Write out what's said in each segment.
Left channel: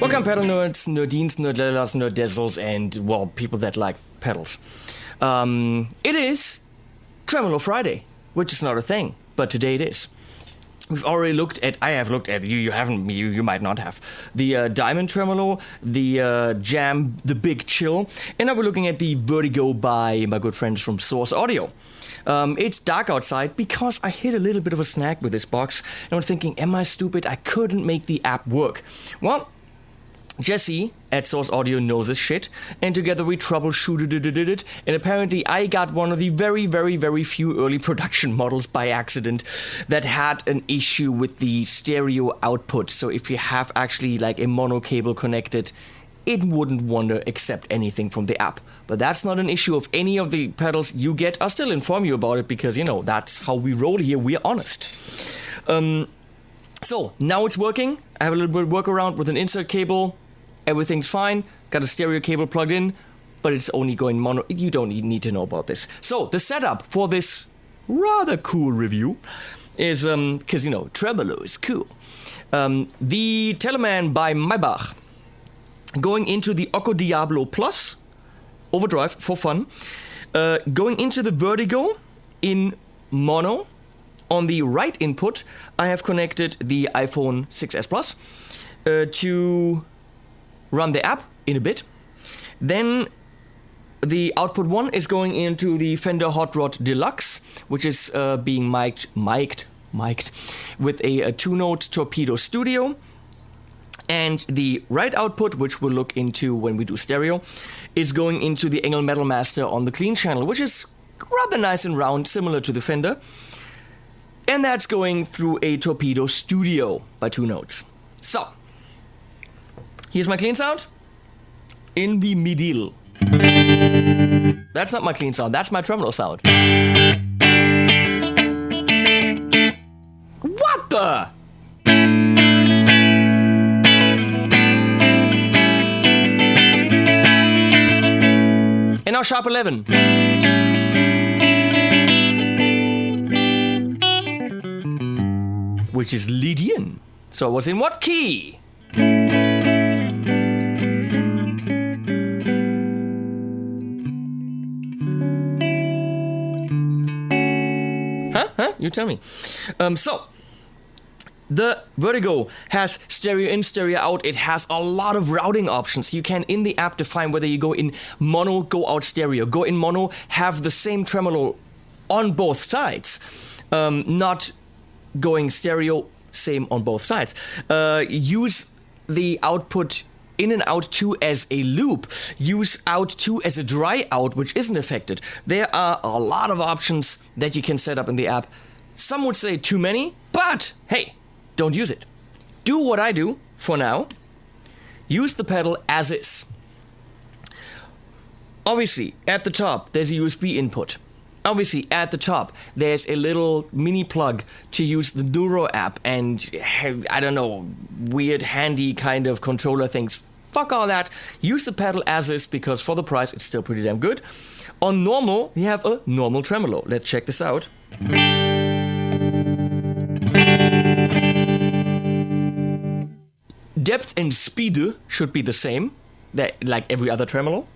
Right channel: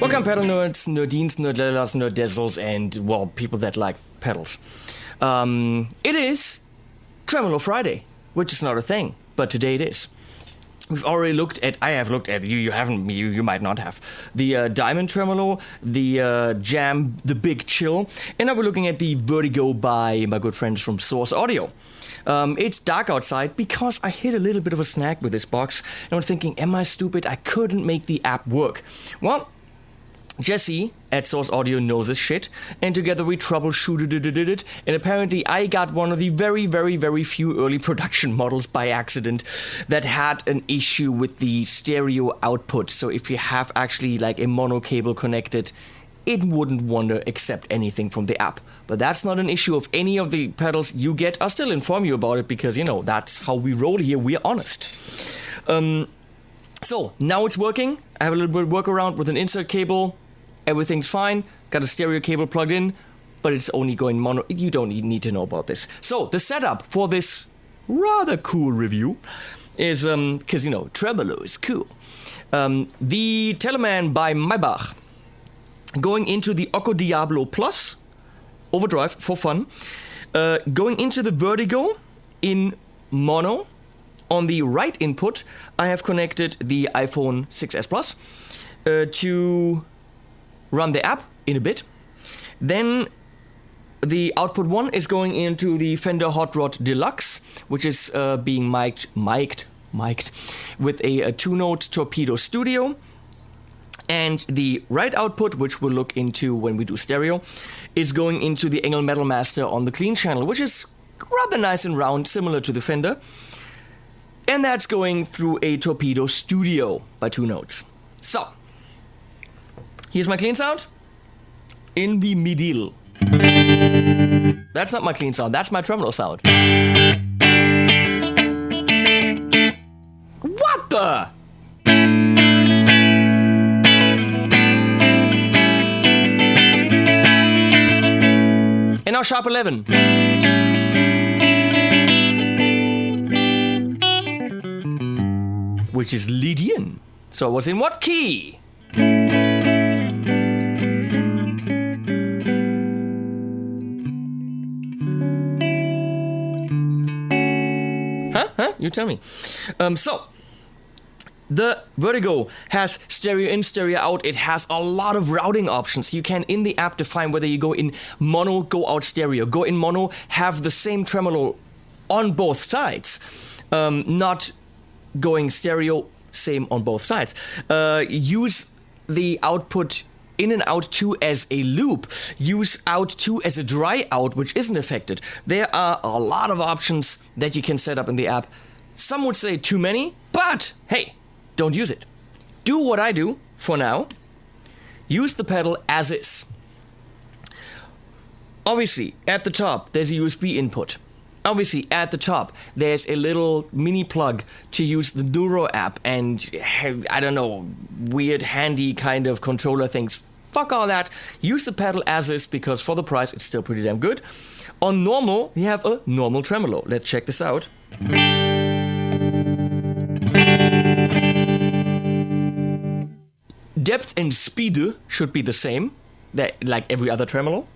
Welcome pedal nerds, nerdines, nerdlellas, nerdezzles, and, well, people that like pedals. It is Tremolo Friday, which is not a thing, but today it is. We've already looked at, I have looked at, you haven't, you might not have, the Diamond Tremolo, the Jam, the Big Chill, and now we're looking at the Vertigo by my good friends from Source Audio. It's dark outside because I hit a little bit of a snag with this box, and I'm thinking, am I stupid? I couldn't make the app work. Well, Jesse at Source Audio knows this shit, and together we troubleshooted it, and apparently I got one of the very, very, very few early production models by accident that had an issue with the stereo output. So if you have actually like a mono cable connected, it wouldn't want to accept anything from the app. But that's not an issue of any of the pedals you get. I'll still inform you about it because, you know, that's how we roll here. We're honest. So now it's working. I have a little bit of workaround with an insert cable. Everything's fine, got a stereo cable plugged in, but it's only going mono. You don't need to know about this. So the setup for this rather cool review is, because, you know, Tremolo is cool. The Thomann by Maybach, going into the Okko Diablo Plus, overdrive for fun, going into the Vertigo in mono. On the right input, I have connected the iPhone 6s Plus to run the app in a bit. Then the output one is going into the Fender Hot Rod Deluxe, which is being mic'd with a two-note Torpedo Studio. And the right output, which we'll look into when we do stereo, is going into the Engel Metal Master on the clean channel, which is rather nice and round, similar to the Fender. And that's going through a Torpedo Studio by two notes. So, here's my clean sound in the middle. That's not my clean sound, that's my tremolo sound. What the? And now sharp 11. Which is Lydian. So I was in what key? Huh? You tell me. So, the Vertigo has stereo in, stereo out. It has a lot of routing options. You can, in the app, define whether you go in mono, go out stereo. Go in mono, have the same tremolo on both sides. Not going stereo, same on both sides. Use the output in and out 2 as a loop. Use out 2 as a dry out, which isn't affected. There are a lot of options that you can set up in the app. Some would say too many, but hey, don't use it. Do what I do for now. Use the pedal as is. Obviously, at the top, there's a USB input. Obviously, at the top, there's a little mini plug to use the Neuro App and, I don't know, weird handy kind of controller things. Fuck all that. Use the pedal as is because for the price, it's still pretty damn good. On normal, we have a normal tremolo. Let's check this out. Depth and speed should be the same, like every other tremolo.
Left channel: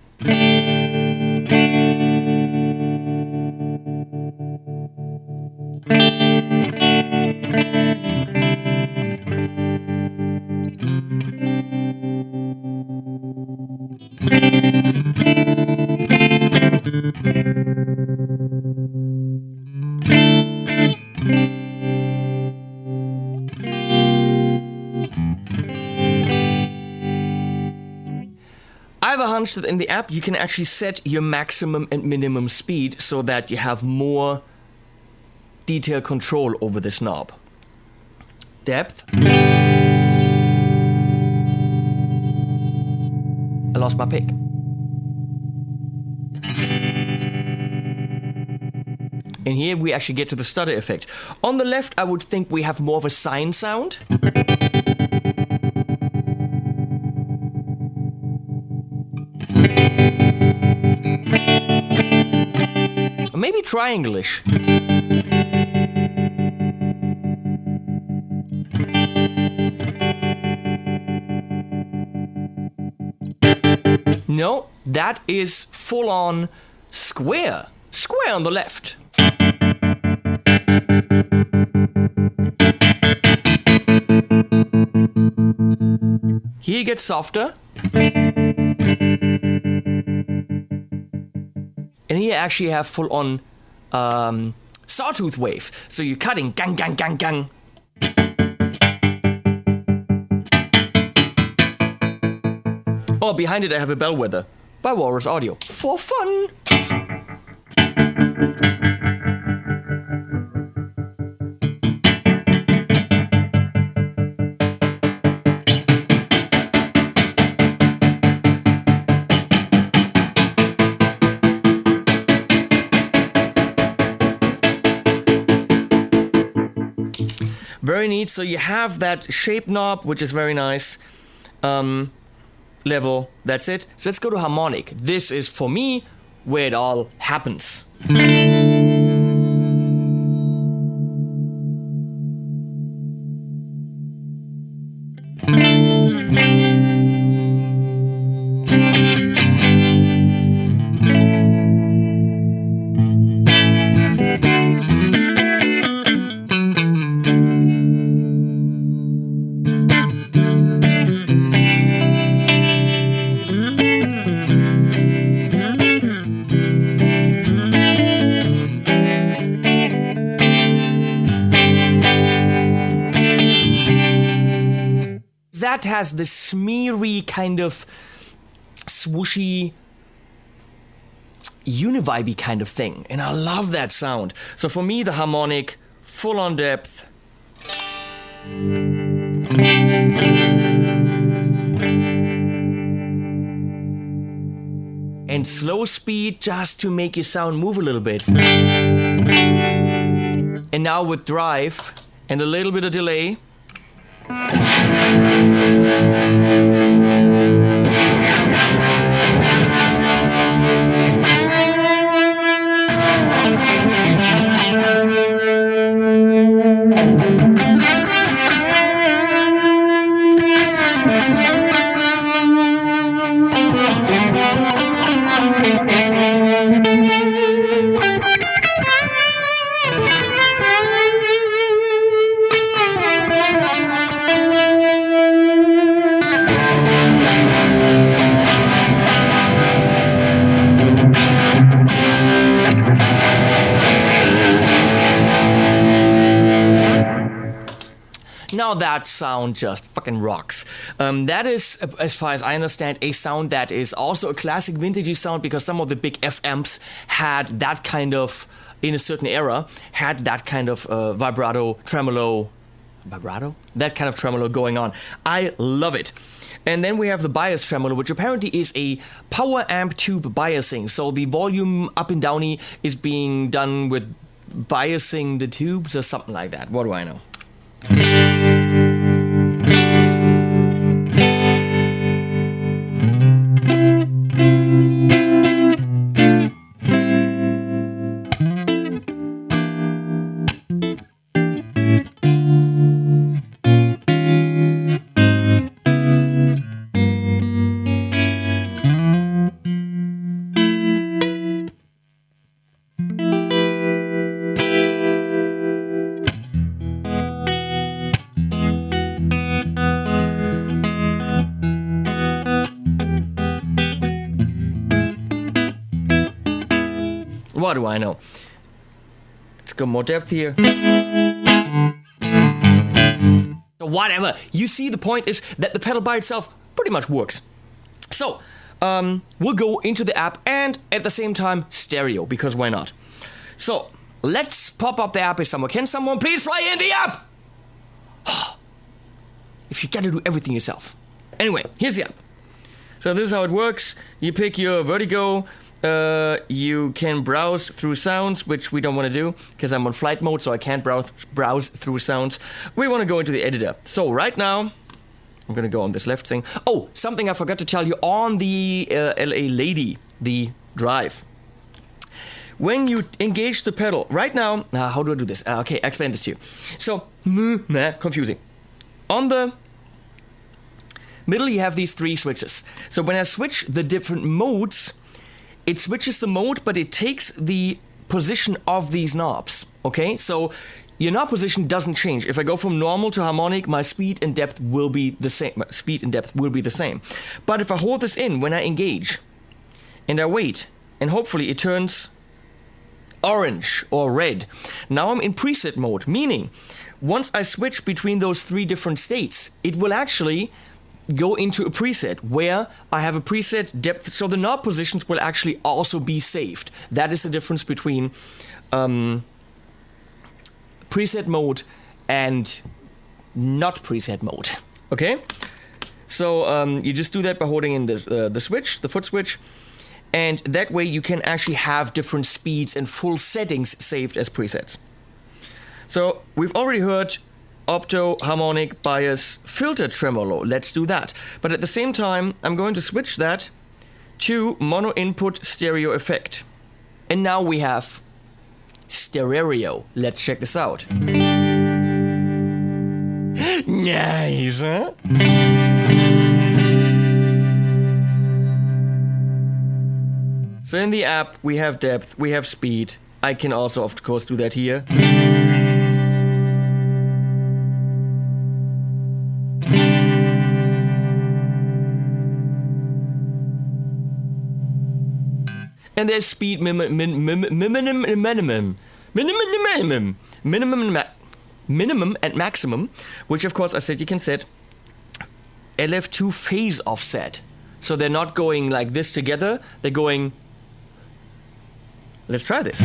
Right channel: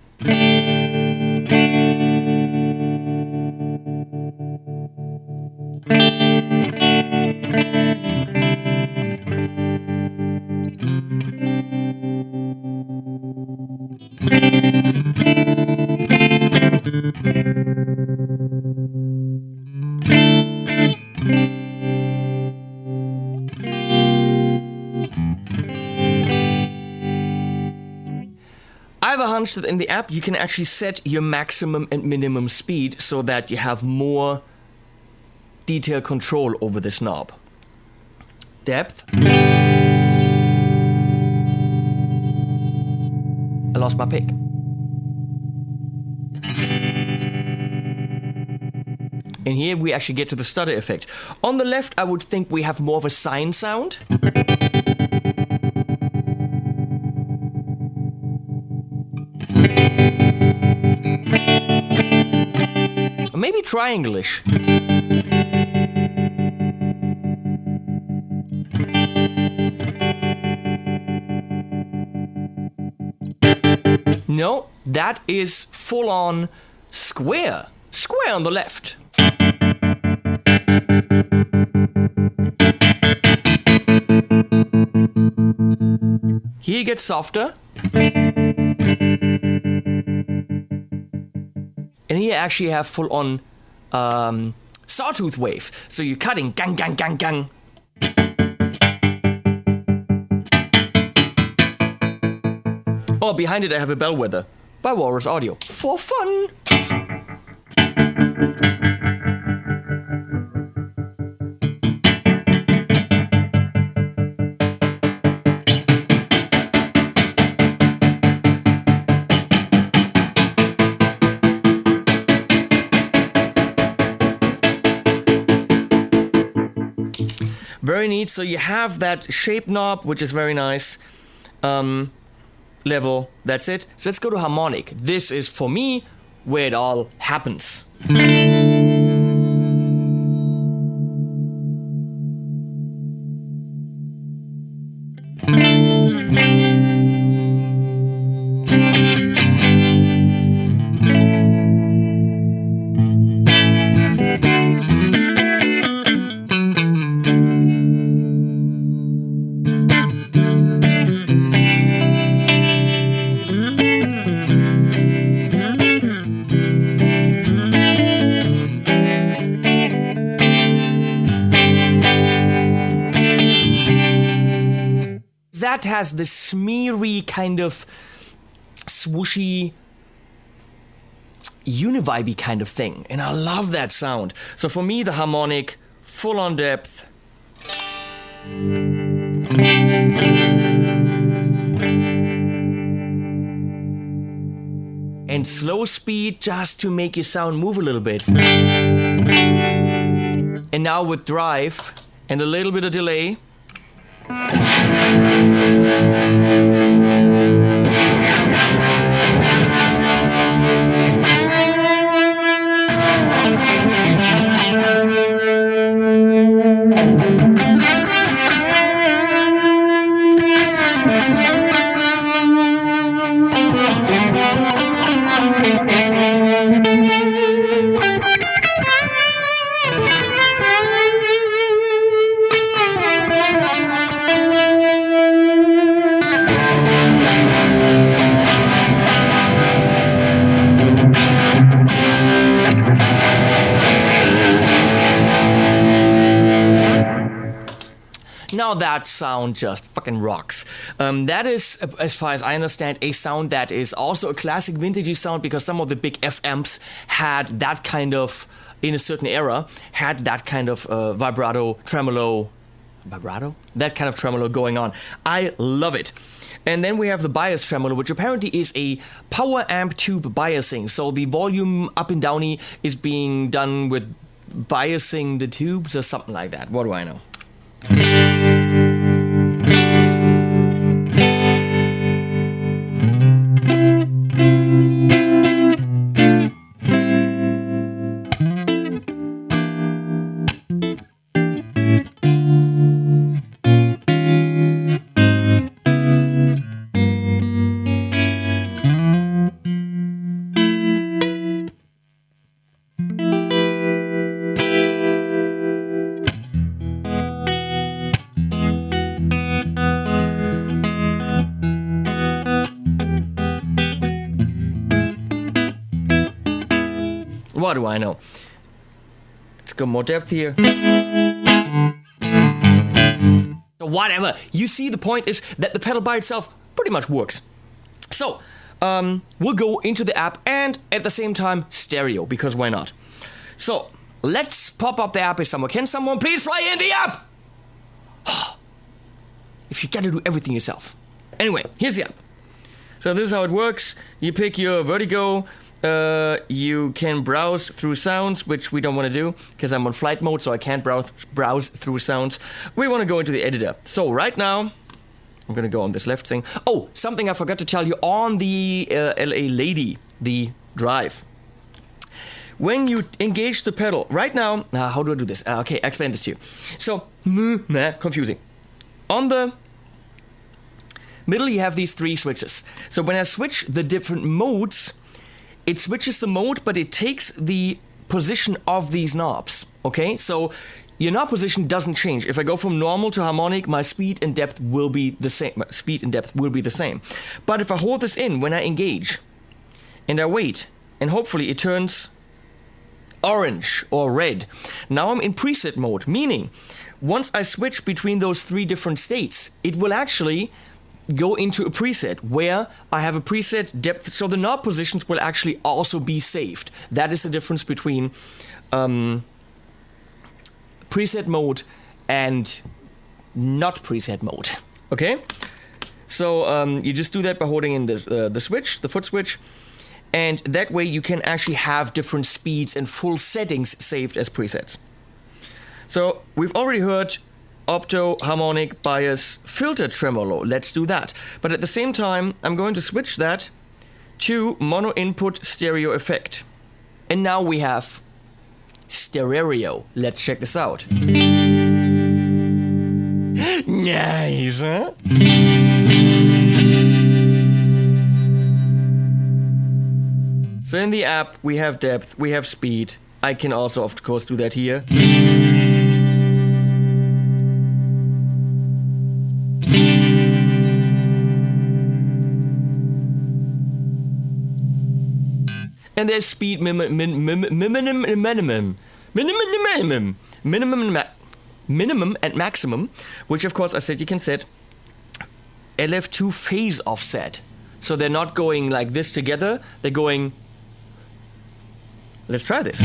I have a hunch that in the app you can actually set your maximum and minimum speed so that you have more detailed control over this knob. depth. I lost my pick. And here we actually get to the stutter effect. On the left, I would think we have more of a sine sound. Or maybe triangle-ish. No, that is full-on square. Square on the left. Here it gets softer. And here actually have full-on sawtooth wave. So you're cutting gang, gang, gang, gang. Oh, behind it I have a Bellwether by Walrus Audio. For fun! Very neat. So you have that shape knob, which is very nice. Level, that's it. So let's go to harmonic. This is, for me, where it all happens. That has this smeary kind of swooshy, univibey kind of thing, and I love that sound. So for me, the harmonic, full on depth. And slow speed just to make your sound move a little bit. And now with drive and a little bit of delay. Now that sound just fucking rocks. That is, as far as I understand, a sound that is also a classic vintagey sound, because some of the big F amps had that kind of, in a certain era, had that kind of vibrato, tremolo, that kind of tremolo going on. I love it. And then we have the bias tremolo, which apparently is a power amp tube biasing. So the volume up and downy is being done with biasing the tubes or something like that. What do I know? What do I know? Let's go more depth here. Whatever. You see, the point is that the pedal by itself pretty much works. So, we'll go into the app and at the same time stereo, because why not? So, let's pop up the app if someone can. Someone please fly in the app! if you gotta do everything yourself. Anyway, here's the app. So this is how it works. You pick your Vertigo. You can browse through sounds, which we don't want to do because I'm on flight mode, so I can't browse through sounds. We want to go into the editor. So right now, I'm going to go on this left thing. Oh, something I forgot to tell you on the LA Lady, the drive. When you engage the pedal, right now, how do I do this? Okay, I explain this to you. So, confusing. On the middle, you have these 3 switches. So when I switch the different modes, it switches the mode, but it takes the position of these knobs, okay? So your knob position doesn't change. If I go from normal to harmonic, my speed and depth will be the same. But if I hold this in when I engage, and I wait, and hopefully it turns orange or red, now I'm in preset mode, meaning once I switch between those 3 different states, it will actually go into a preset where I have a preset depth, so the knob positions will actually also be saved. That is the difference between preset mode and not preset mode. Okay, so you just do that by holding in the switch, the foot switch, and that way you can actually have different speeds and full settings saved as presets. So we've already heard opto, harmonic, bias, filter, tremolo. Let's do that. But at the same time, I'm going to switch that to mono input stereo effect. And now we have stereo. Let's check this out. Nice, huh? So in the app, we have depth, we have speed. I can also, of course, do that here. And there's speed minimum and maximum, which of course I said you can set LF2 phase offset. So they're not going like this together, they're going... Let's try this.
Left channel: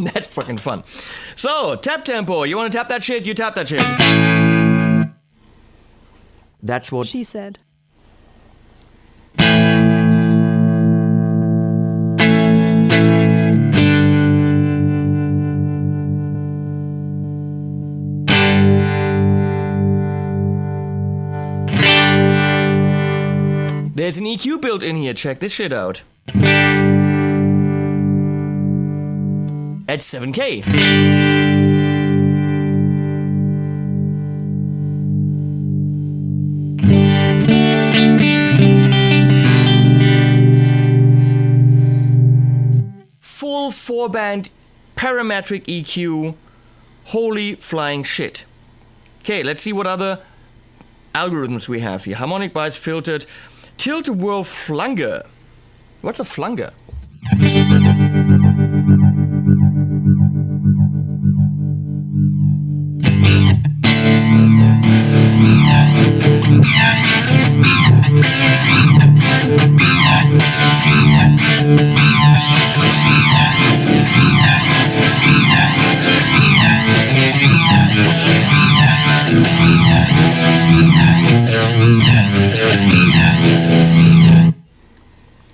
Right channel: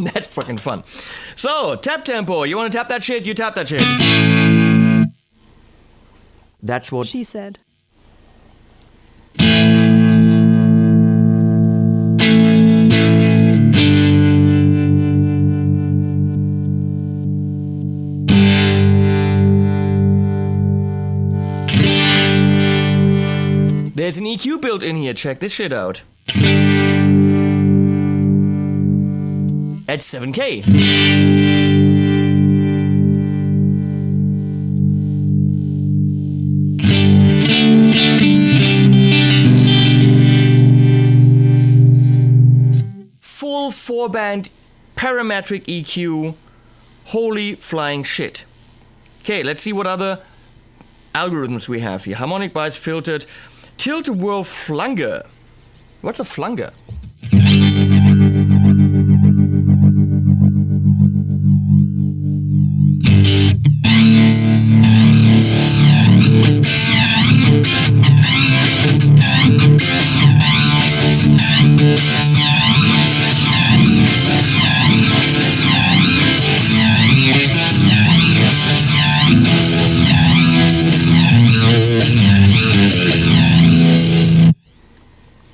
That's fucking fun. So, tap tempo. You want to tap that shit? You tap that shit. That's what she said. There's an EQ built in here. Check this shit out. At 7K. Full 4-band parametric EQ. Holy flying shit. Okay, let's see what other algorithms we have here. Harmonic, bias, filtered, tilt-a-whirl flunger. What's a flunger?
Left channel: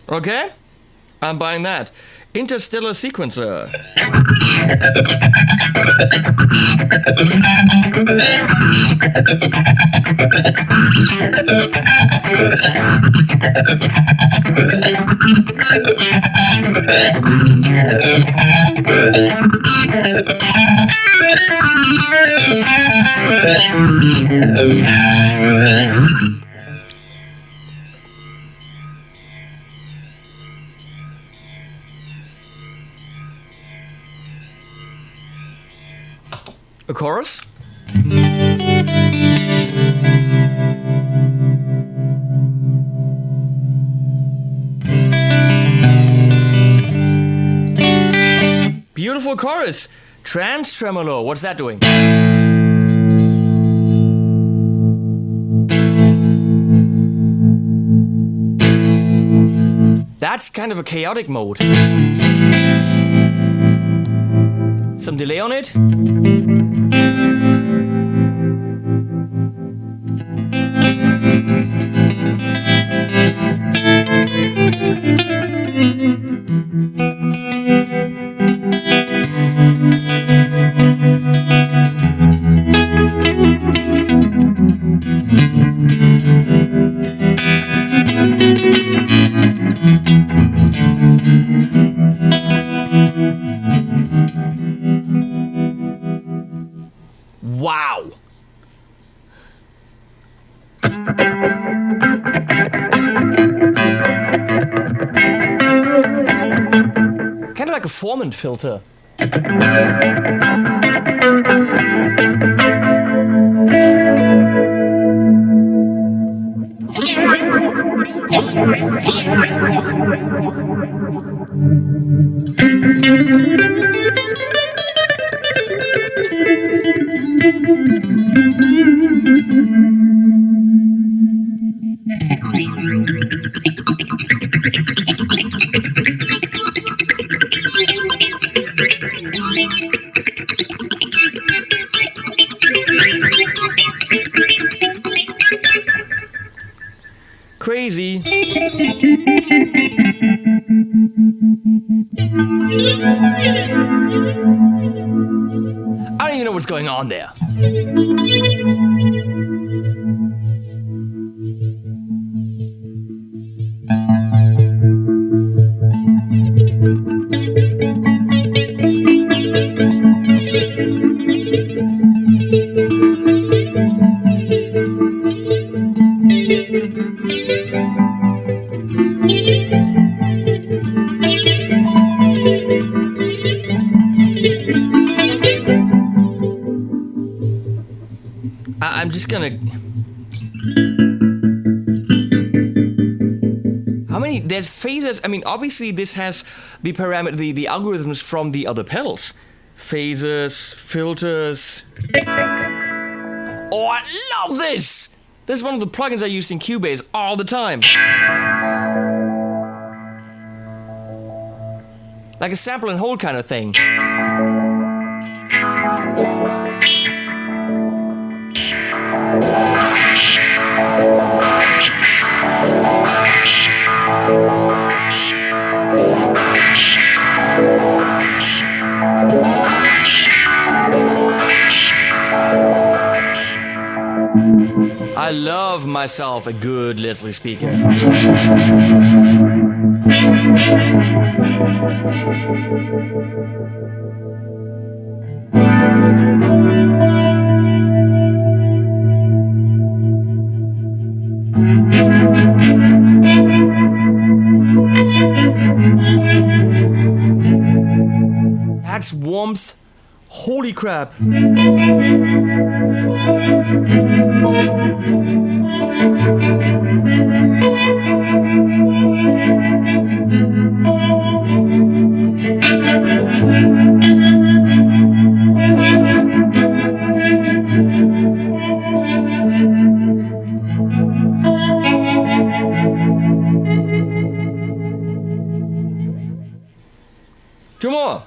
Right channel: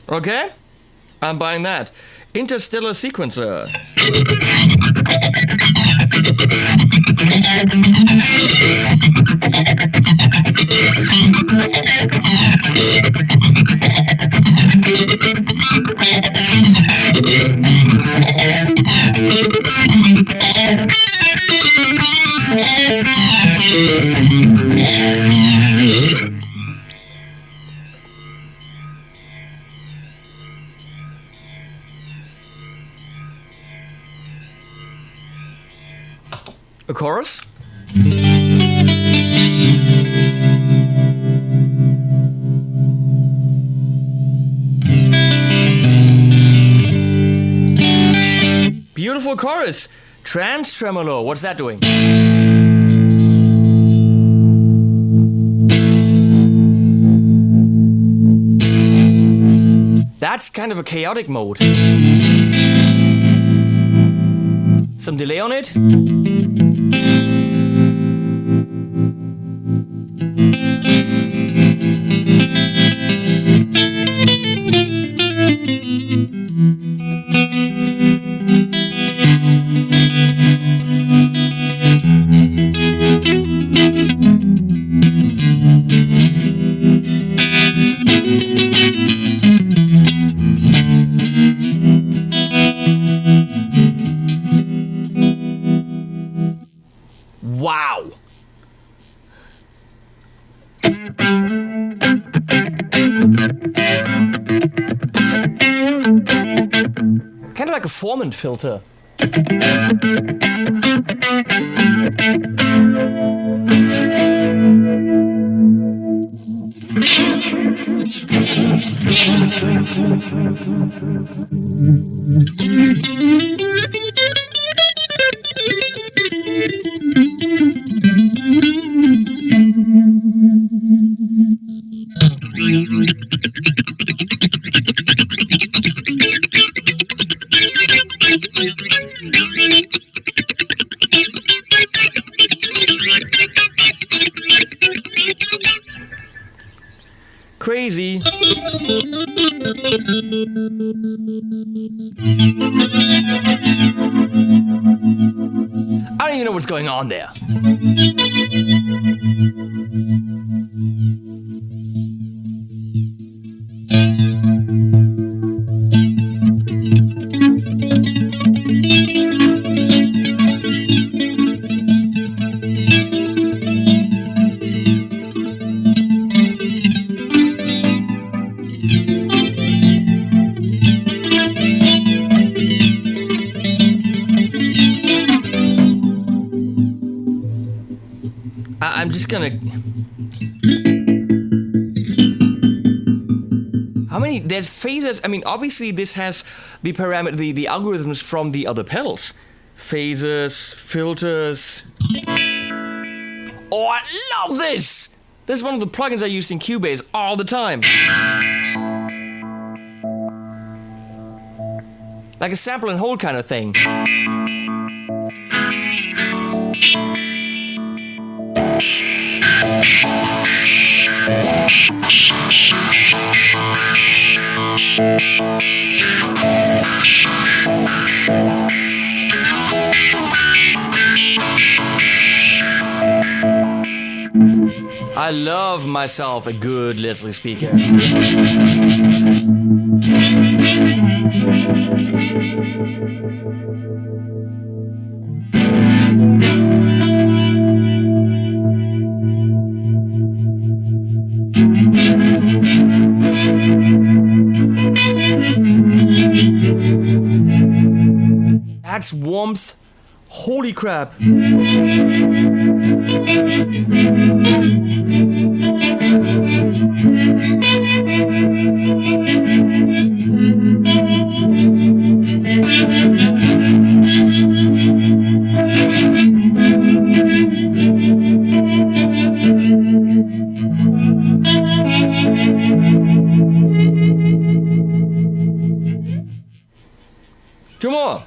Okay, I'm buying that. Interstellar sequencer. A chorus? Beautiful chorus. Trans tremolo. What's that doing? That's kind of a chaotic mode. Some delay on it. Wow. Kind of like a Thomann filter. Crazy. I don't even know what's going on there. I'm just gonna... How many... There's phases... I mean, obviously this has the parameter... The algorithms from the other pedals. Phases, filters... Oh, I love this! This is one of the plugins I use in Cubase all the time. Like a sample and hold kind of thing. I love myself a good Leslie speaker. That's warmth. Holy crap. Two more.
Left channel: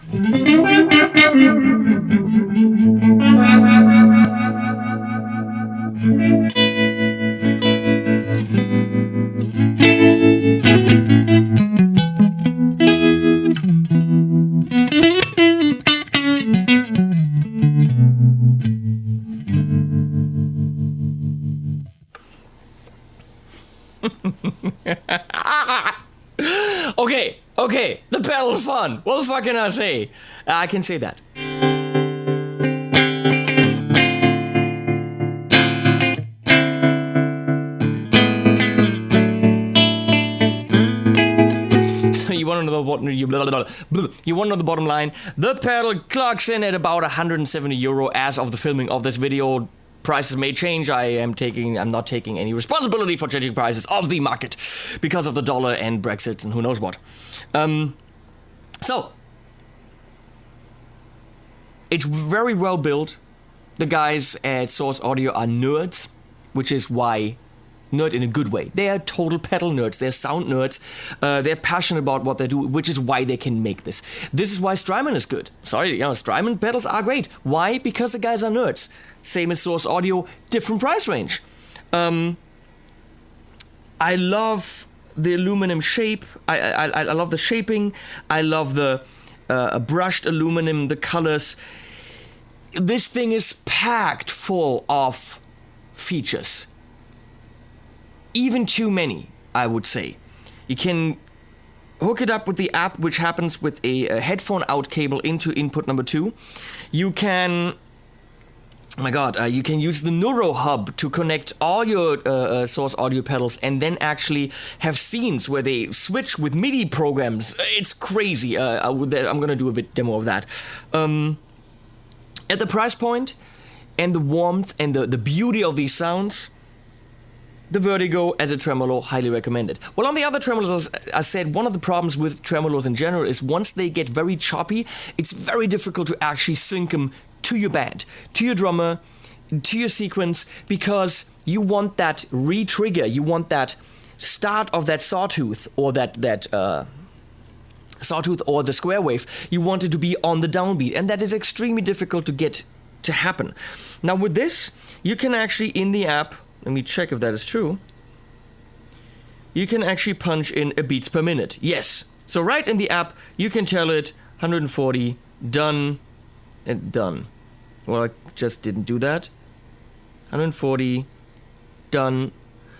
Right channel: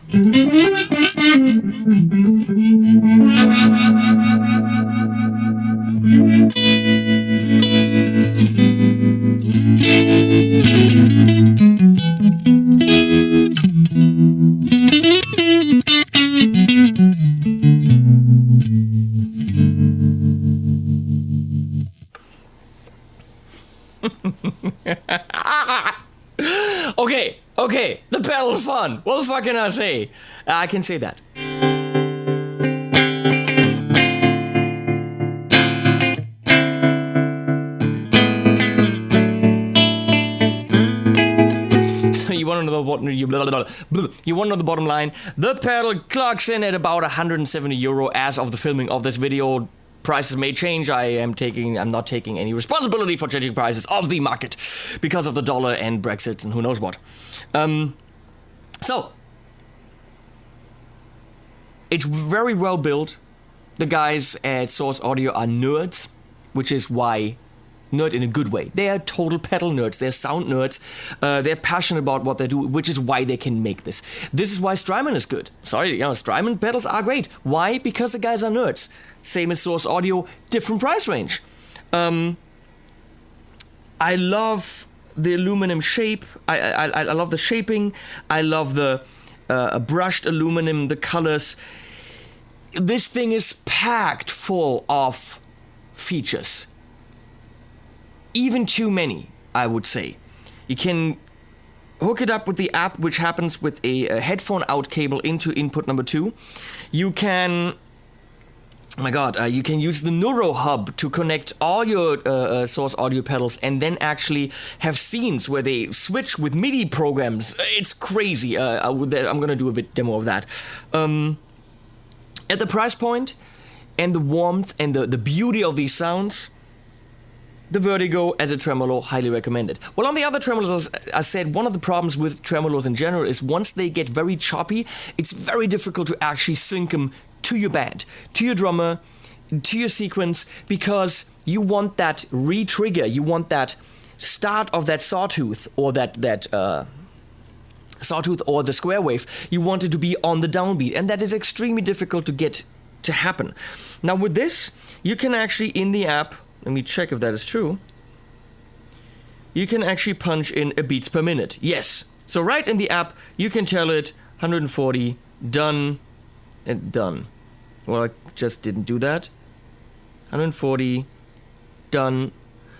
Okay, the pedal's fun. What the fuck can I say? I can say that. blah, blah, blah, blah. You want to know the bottom line? The pedal clocks in at about €170 as of the filming of this video. Prices may change. I'm not taking any responsibility for changing prices of the market because of the dollar and Brexit and who knows what. So it's very well built. The guys at Source Audio are nerds, which is why nerd in a good way. They are total pedal nerds. They're sound nerds. They're passionate about what they do, which is why they can make this. This is why Strymon is good. Sorry, Strymon pedals are great. Why? Because the guys are nerds. Same as Source Audio, different price range. I love the aluminum shape. I love the shaping. I love the brushed aluminum, the colors. This thing is packed full of features. Even too many, I would say. You can hook it up with the app, which happens with a headphone out cable into input number 2. You can, you can use the Neuro Hub to connect all your Source Audio pedals and then actually have scenes where they switch with MIDI programs. It's crazy. I'm going to do a bit demo of that. At the price point and the warmth and the beauty of these sounds, the Vertigo as a tremolo, highly recommended. Well, on the other tremolos, I said one of the problems with tremolos in general is once they get very choppy, it's very difficult to actually sync them to your band, to your drummer, to your sequence, because you want that re-trigger, you want that start of that sawtooth or that sawtooth or the square wave, you want it to be on the downbeat, and that is extremely difficult to get to happen. Now with this, you can actually in the app, let me check if that is true. You can actually punch in a beats per minute. Yes. So right in the app, you can tell it 140, done, and done. Well, I just didn't do that. 140, done.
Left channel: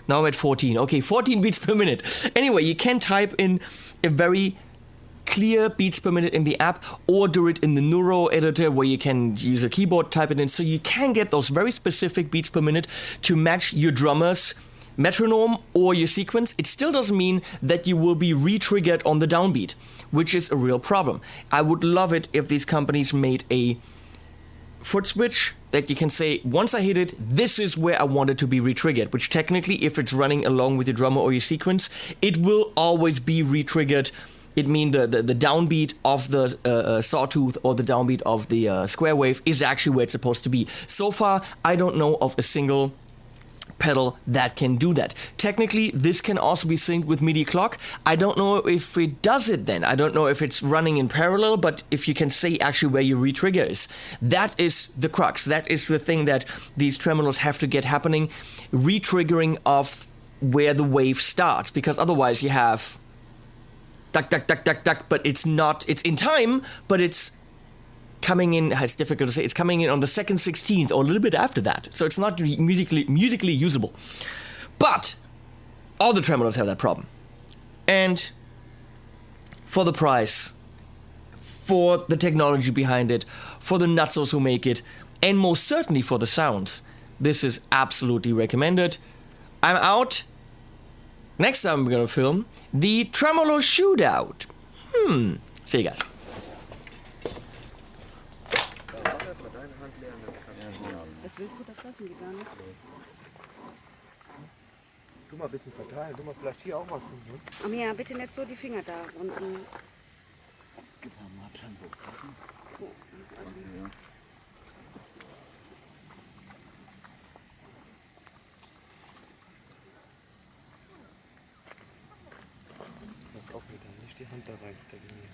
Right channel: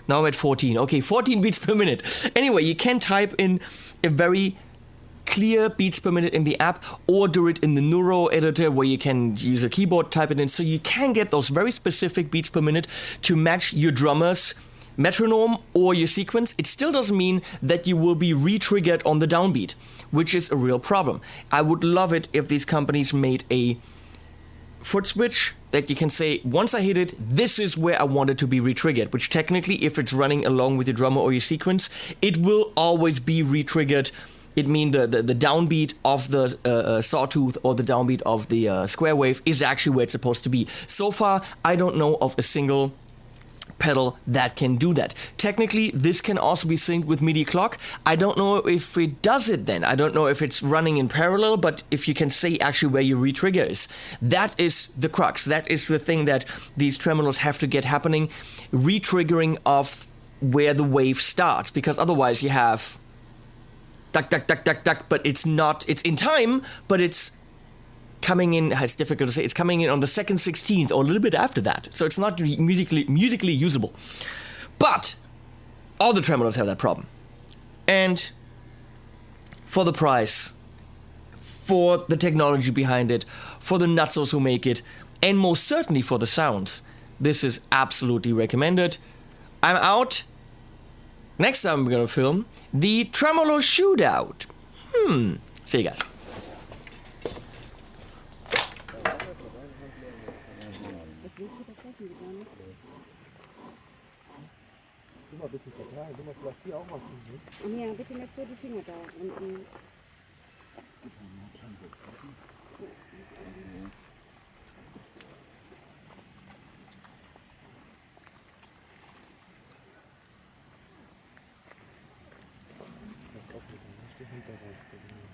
Now I'm at 14. Okay, 14 beats per minute. Anyway, you can type in a very clear beats per minute in the app or do it in the Neuro editor where you can use a keyboard, type it in, so you can get those very specific beats per minute to match your drummer's metronome or your sequence. It still doesn't mean that you will be re-triggered on the downbeat, which is a real problem. I would love it if these companies made a foot switch that you can say, once I hit it, this is where I want it to be re-triggered, which technically, if it's running along with your drummer or your sequence, it will always be re-triggered. It means the downbeat of the sawtooth or the downbeat of the square wave is actually where it's supposed to be. So far, I don't know of a single pedal that can do that. Technically, this can also be synced with MIDI clock. I don't know if it does it then. I don't know if it's running in parallel, but if you can say actually where your re-trigger is. That is the crux. That is the thing that these tremolos have to get happening. Re-triggering of where the wave starts, because otherwise you have duck, duck, duck, duck, duck, but it's not, it's in time, but it's coming in, it's difficult to say, it's coming in on the 2nd 16th or a little bit after that. So it's not musically usable. But all the tremolos have that problem. And for the price, for the technology behind it, for the nutsos who make it, and most certainly for the sounds, this is absolutely recommended. I'm out. Next time we're gonna film the Tremolo Shootout. See you guys. Du mal ein bisschen verteilen, du mal vielleicht hier auch was tun. Aber ja, bitte nicht so die Finger da unten. Pass auf mit der, nicht die Hand da rein.